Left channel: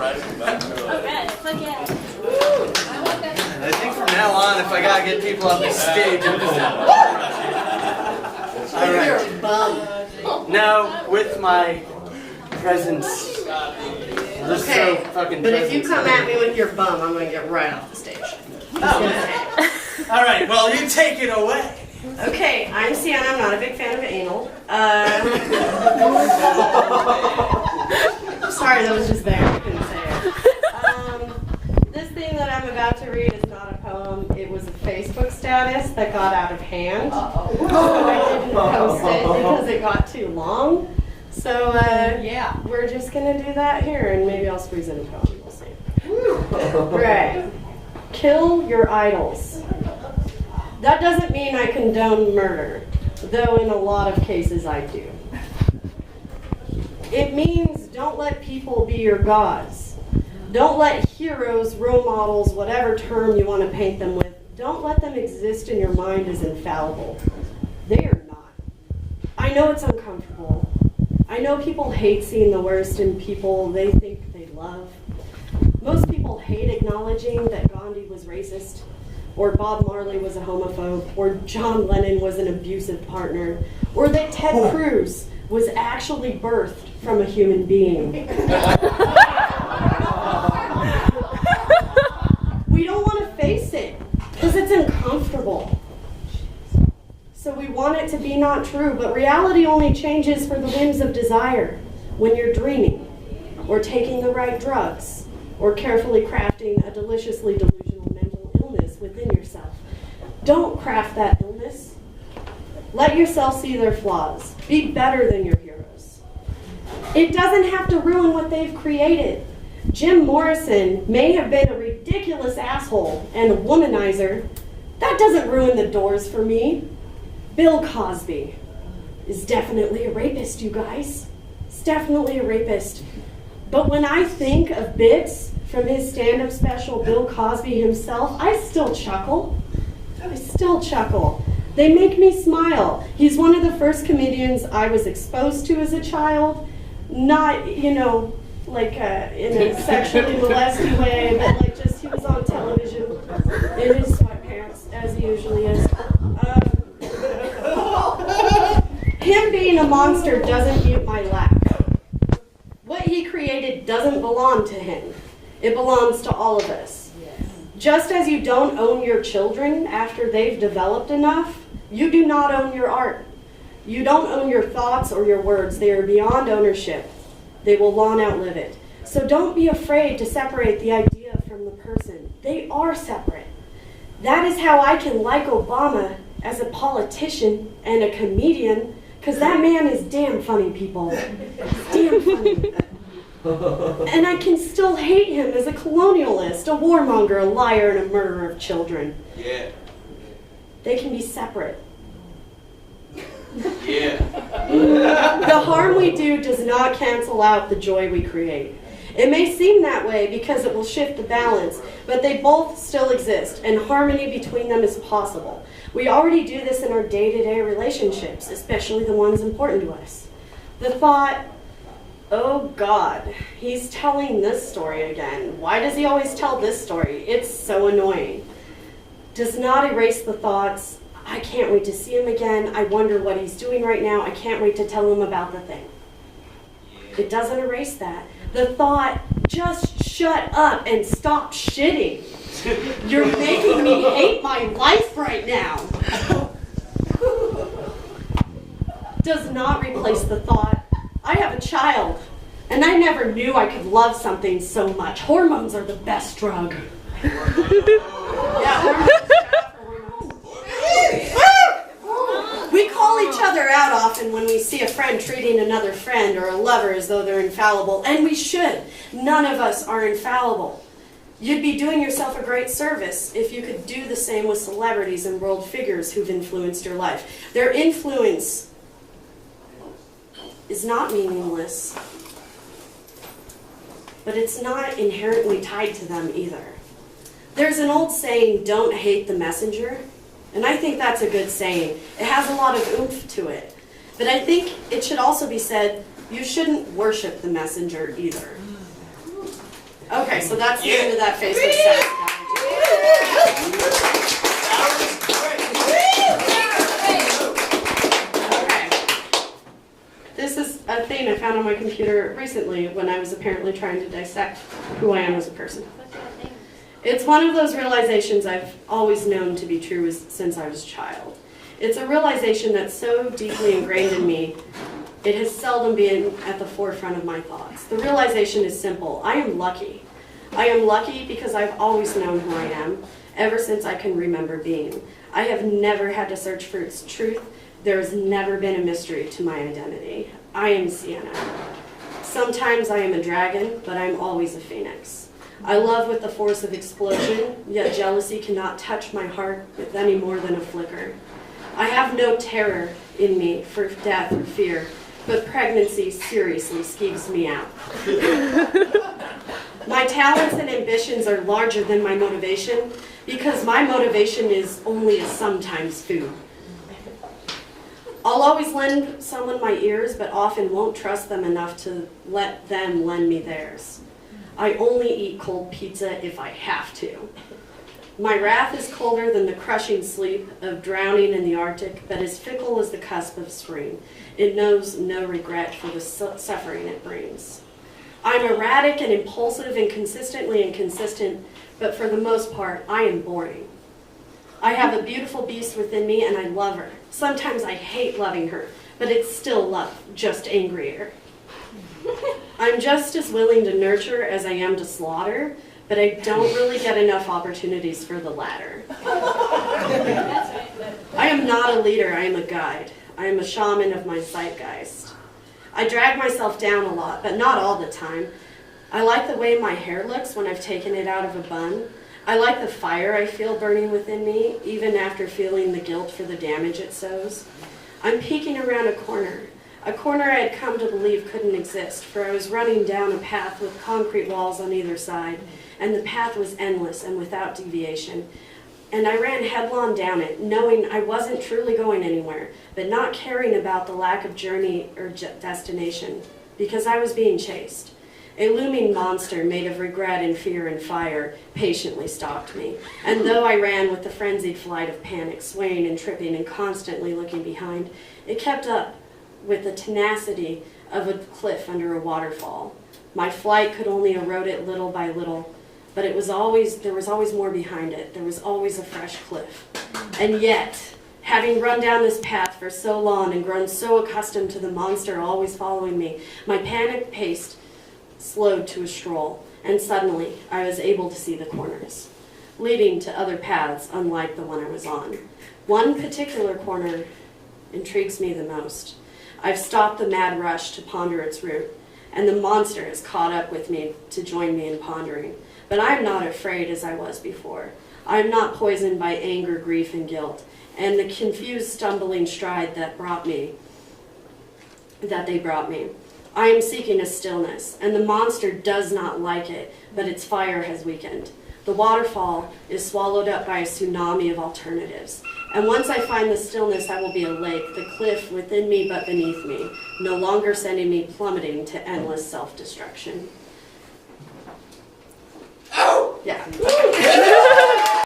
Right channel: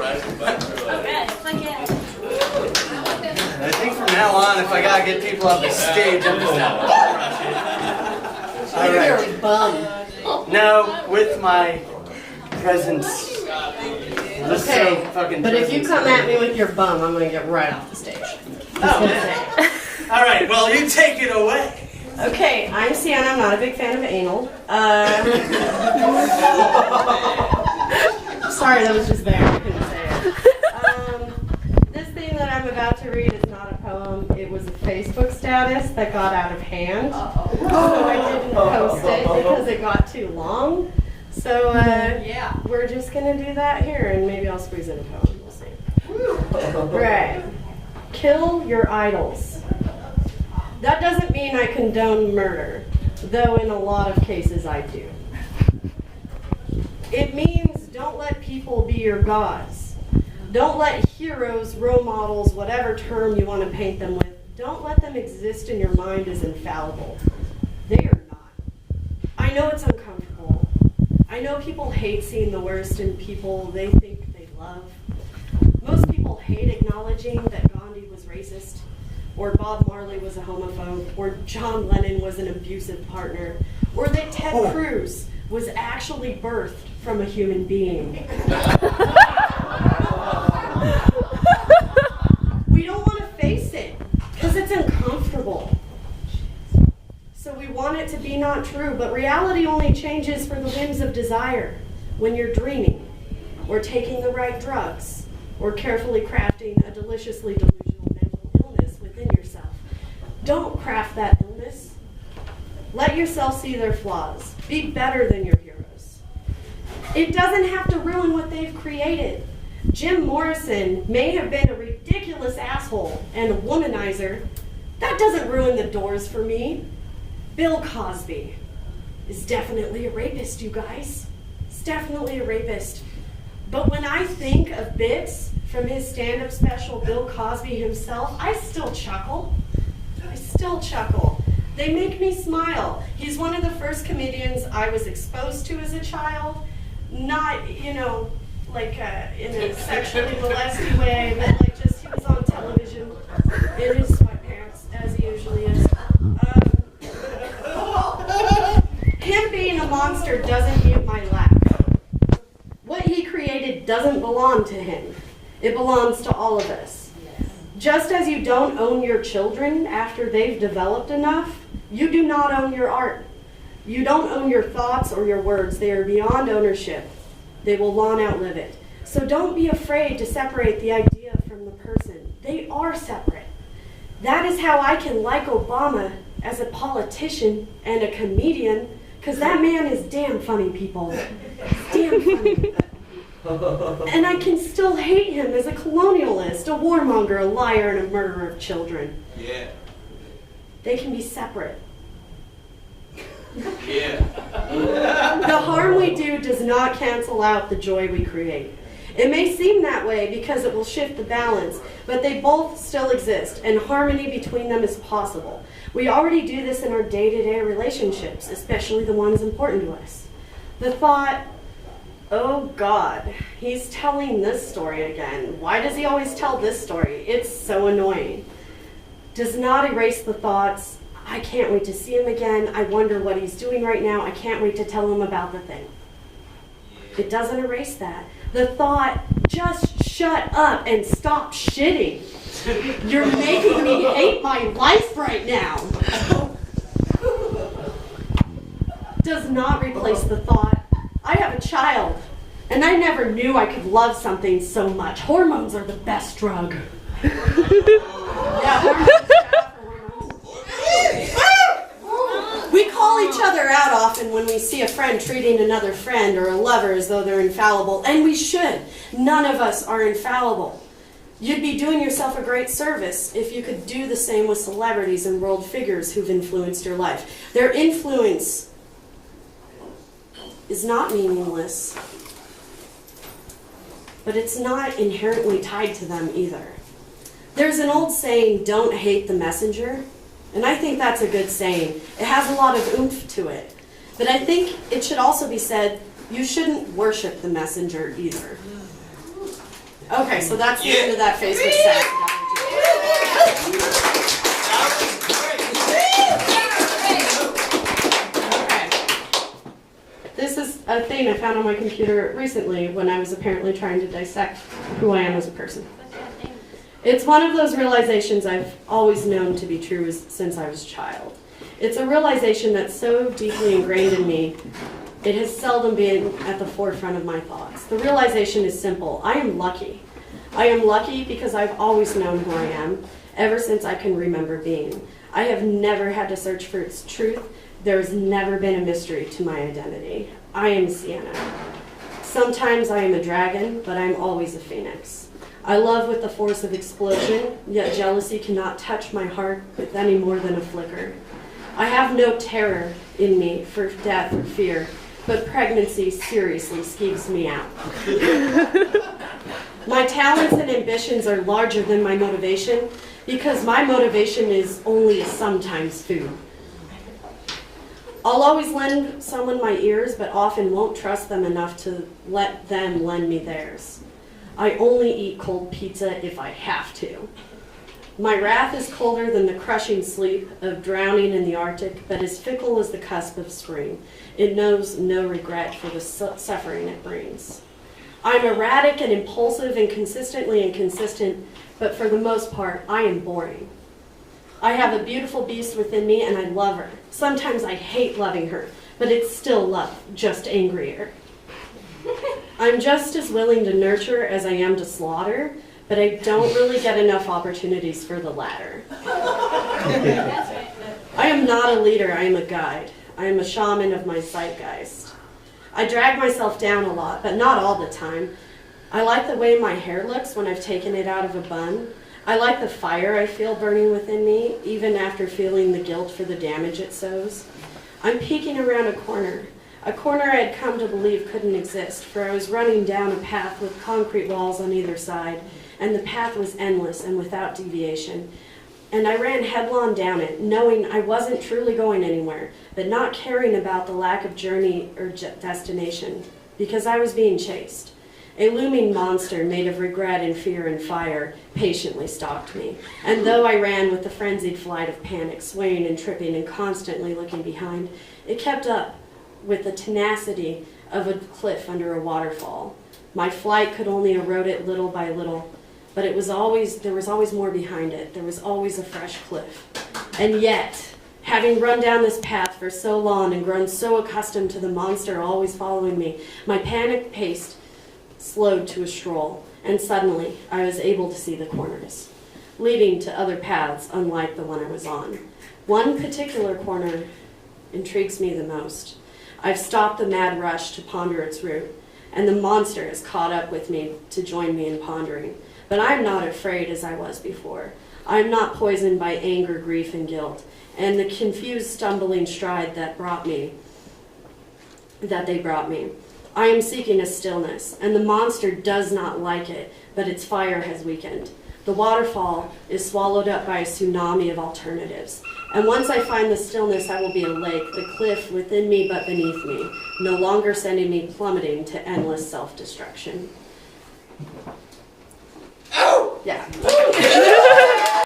And I think from now on, if I gotta get people off the stage, I'm just gonna all right. Now, with my presence, this so fucking. But if you come at me with your bum, I'm gonna get right off the stage. Oh, all right. Well, you take it away. Okay, I'm Cienna. I'm not a big fan of anal. Sorry, that was just there. I couldn't say it. This thing that I'm about to read is not a poem. It was a Facebook status that got out of hand. So I didn't post it because it got too long. So we're just going to do that here, and maybe I'll squeeze in a poem. We'll see. Right. Kill your idols. That doesn't mean I condone murder, though in a lot of cases I do. It means don't let people be your gods. Don't let heroes, role models, whatever term you want to paint them with, don't let them exist in your mind as infallible. They are not. I know it's uncomfortable. I know people hate seeing the worst in people they think they love. Most people hate acknowledging that Gandhi was racist, or Bob Marley was a homophobe, or John Lennon was an abusive partner, or that Ted Cruz was actually birthed from a human being. We don't want to face it because it's uncomfortable. So we want it to be not true, but reality only changes for the whims of desire when you're dreaming, or taking the right drugs, or carefully crafting a deliciously delusional mental illness within yourself. Don't craft that illness. Let yourself see their flaws. Be better than your heroes. It doesn't have to ruin what they've created. Jim Morrison may have been a ridiculous asshole and a womanizer. That doesn't ruin the Doors for me. Bill Cosby is definitely a rapist, you guys. He's definitely a rapist. But when I think of bits from his stand-up special, Bill Cosby himself, I still chuckle. They make me smile. He's one of the first comedians I was exposed to as a child. Not, like in a sexually molested way, but like just he was on television in his sweatpants, as he usually is. Him being a monster doesn't mute my laugh. What he created doesn't belong to him. It belongs to all of us. Just as you don't own your children after they've developed enough, you do not own your art. You don't own your thoughts or your words. They are beyond ownership. They will long outlive it. So don't be afraid to separate the idea from the person. They are separate. That is how I can like Obama as a politician and a comedian, because that man is damn funny, people. He's damn funny. And I can still hate him as a colonialist, a warmonger, a liar, and a murderer of children. Yeah. They can be separate. Yeah. The harm we do does not cancel out the joy we create. It may seem that way because it will shift the balance, but they both still exist, and harmony between them is possible. We already do this in our day-to-day relationships, especially the ones important to us. The thought, oh God, he's telling this story again. Why does he always tell this story? It's so annoying. Does not erase the thoughts, I can't wait to see him again. I wonder what he's doing right now. I can't wait to tell him about the thing. It doesn't erase that. The thought, just shut up and stop shitting. You're making me hate my life right now. Does not replace the thought, I have a child, and I never knew I could love something so much. Hormones are the best drug. Yeah, hormones. We call each other out often when we see a friend treating another friend or a lover as though they're infallible, and we should. None of us are infallible. You'd be doing yourself a great service if you could do the same with celebrities and world figures who've influenced your life. Their influence is not meaningless, but it's not inherently tied to them either. There's an old saying, don't hate the messenger. And I think that's a good saying. It has a lot of oomph to it. But I think it should also be said, you shouldn't worship the messenger either. Okay, so that's the end of that Facebook chat. Okay. This is a thing I found on my computer recently when I was apparently trying to dissect who I am as a person. It's one of those realizations I've always known to be true since I was a child. It's a realization that's so deeply ingrained in me, it has seldom been at the forefront of my thoughts. The realization is simple. I am lucky. I am lucky because I've always known who I am, ever since I can remember being. I have never had to search for its truth. There's never been a mystery to my identity. I am Cienna. Sometimes I am a dragon, but I'm always a phoenix. I love with the force of explosion, yet jealousy cannot touch my heart with any more than a flicker. I have no terror in me for death or fear, but pregnancy seriously skeeves me out. My talents and ambitions are larger than my motivation because my motivation is only a sometimes food. I'll always lend someone my ears, but often won't trust them enough to let them lend me theirs. I only eat cold pizza if I have to. My wrath is colder than the crushing sleep of drowning in the Arctic, but as fickle as the cusp of spring. It knows no regret for the suffering it brings. I'm erratic and impulsive and consistently inconsistent, but for the most part, I am boring. I have a beautiful beast within me, and I love her. Sometimes I hate loving her, but it's still love, just angrier. I'm just as willing to nurture as I am to slaughter, but I don't really get enough opportunities for the latter. I am not a leader, I am a guide. I am a shaman of my zeitgeist. I drag myself down a lot, but not all the time. I like the way my hair looks when I've taken it out of a bun. I like the fire I feel burning within me, even after feeling the guilt for the damage it sows. I'm peeking around a corner I had come to believe couldn't exist, for I was running down a path with concrete walls on either side, and the path was endless and without deviation. And I ran headlong down it, knowing I wasn't truly going anywhere, but not caring about the lack of journey or destination, because I was being chased. A looming monster made of regret and fear and fire patiently stalked me, and though I ran with the frenzied flight of panic, swaying and tripping and constantly looking behind, it kept up with the tenacity of a cliff under a waterfall. My flight could only erode it little by little, but there was always more behind it. There was always a fresh cliff. And yet, having run down this path for so long and grown so accustomed to the monster always following me, my panic pace slowed to a stroll, and suddenly I was able to see the corners, leading to other paths unlike the one I was on. One particular corner intrigues me the most. I've stopped the mad rush to ponder its route, and the monster has caught up with me to join me in pondering. But I'm not afraid as I was before. I'm not poisoned by anger, grief, and guilt, and the confused, stumbling stride that they brought me. I am seeking a stillness, and the monster does not like it, but its fire has weakened. The waterfall is swallowed up by a tsunami of alternatives. And once I find the stillness, I will be a lake, the cliff within me but beneath me, no longer sending me plummeting to endless self-destruction.